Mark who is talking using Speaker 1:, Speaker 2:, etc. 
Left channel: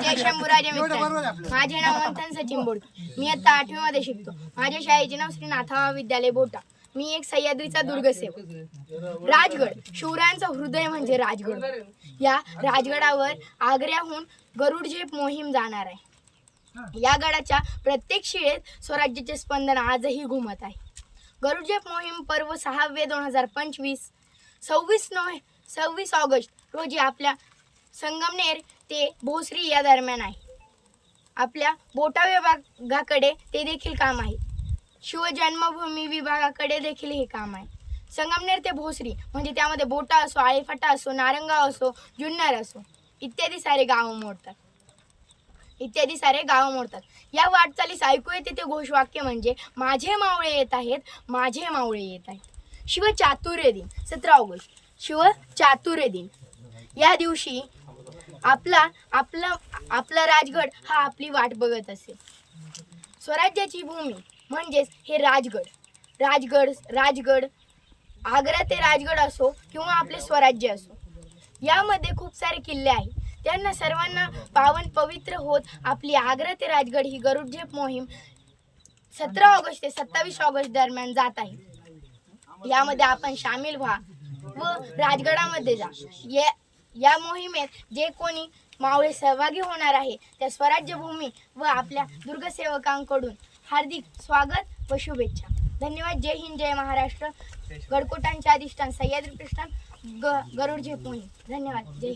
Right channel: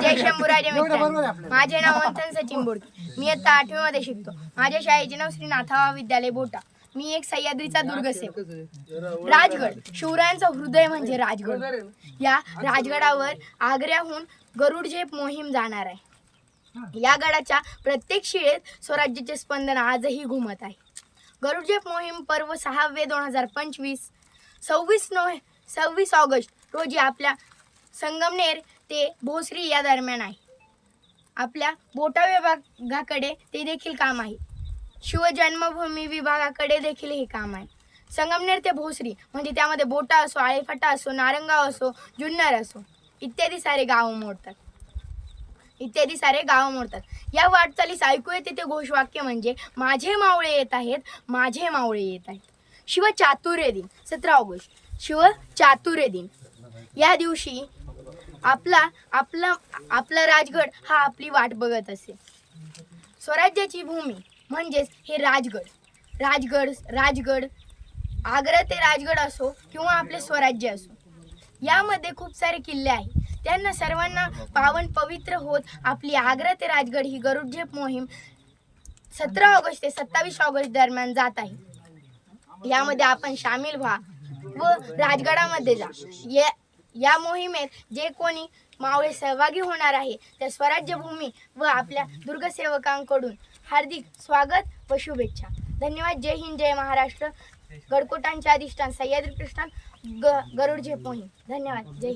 Speaker 1: जय शंभूराजे मित्रांनो माझे नाव मंथन सचिन बोडके. मी आता आठवी मध्ये शिकतो. माझ्या शाळेचे नाव श्री नाथावा विद्यालय बोटा. मी एक सह्याद्रीचा दुर्गसेवक राजगड. शिवरायांचं हृदय म्हणजे राजगड. या राजगडावर आग्र्याहून गरुड झेप मोहीम जाणार आहे. या गडाच्या प्रत्येक शिळेत स्वराज्याचे स्पंदन आजही घुमत आहे. गरुड झेप मोहीम पर्व सहावे दोन हजार पंचवीस. सव्वीस नोव्हे सव्वीस ऑगस्ट रोजी आपल्या संगमनेर ते भोसरी या दरम्यान आहे. आपल्या बोटा विभागाकडे ते देखील काम आहे. शिवजन्मभूमी विभागाकडे देखील हे काम आहे. संगमनेर ते भोसरी म्हणजे त्यामध्ये बोटा असो आळेफाटा असो नारंगाव असो जुन्नर असो इत्यादी सारे गाव मोडतात. इत्यादी सारे गाव मोडतात. या वाटचालीस ऐकू येते ते घोषवाक्य म्हणजे माझे मावळे येत आहेत माझे मावळे येत आहेत. शिव चातुर्य दिन सतरा ऑगस्ट. शिव चातुर्य दिन. या दिवशी आपला आपला आपला राजगड हा आपली वाट बघत असे. स्वराज्याची भूमी म्हणजेच हे राजगड. राजगड राजगड आग्रा ते राजगड असो किंवा आपले स्वराज्य असो. यामध्ये खूप सारे किल्ले आहेत. त्यांना सर्वांना पावन पवित्र होत आपली आग्रा ते राजगड ही गरुडझेप मोहीम सतरा ऑगस्ट ते सत्तावीस ऑगस्ट दरम्यान जात आहे. यामध्ये आपण सामील व्हा व राजगडामध्ये जा. या या मोहिमेत जे कोणी मावळे सहभागी होणार आहे त्या स्वराज्यभूमी व आपल्या दुर्गसेवकांकडून हार्दिक स्वागत व शुभेच्छा. धन्यवाद. जय हिंद जय महाराष्ट्र. गडकोटांचे अधिष्ठान सह्याद्री कृष्णान ग गरुड झेप धन्यवाद. जय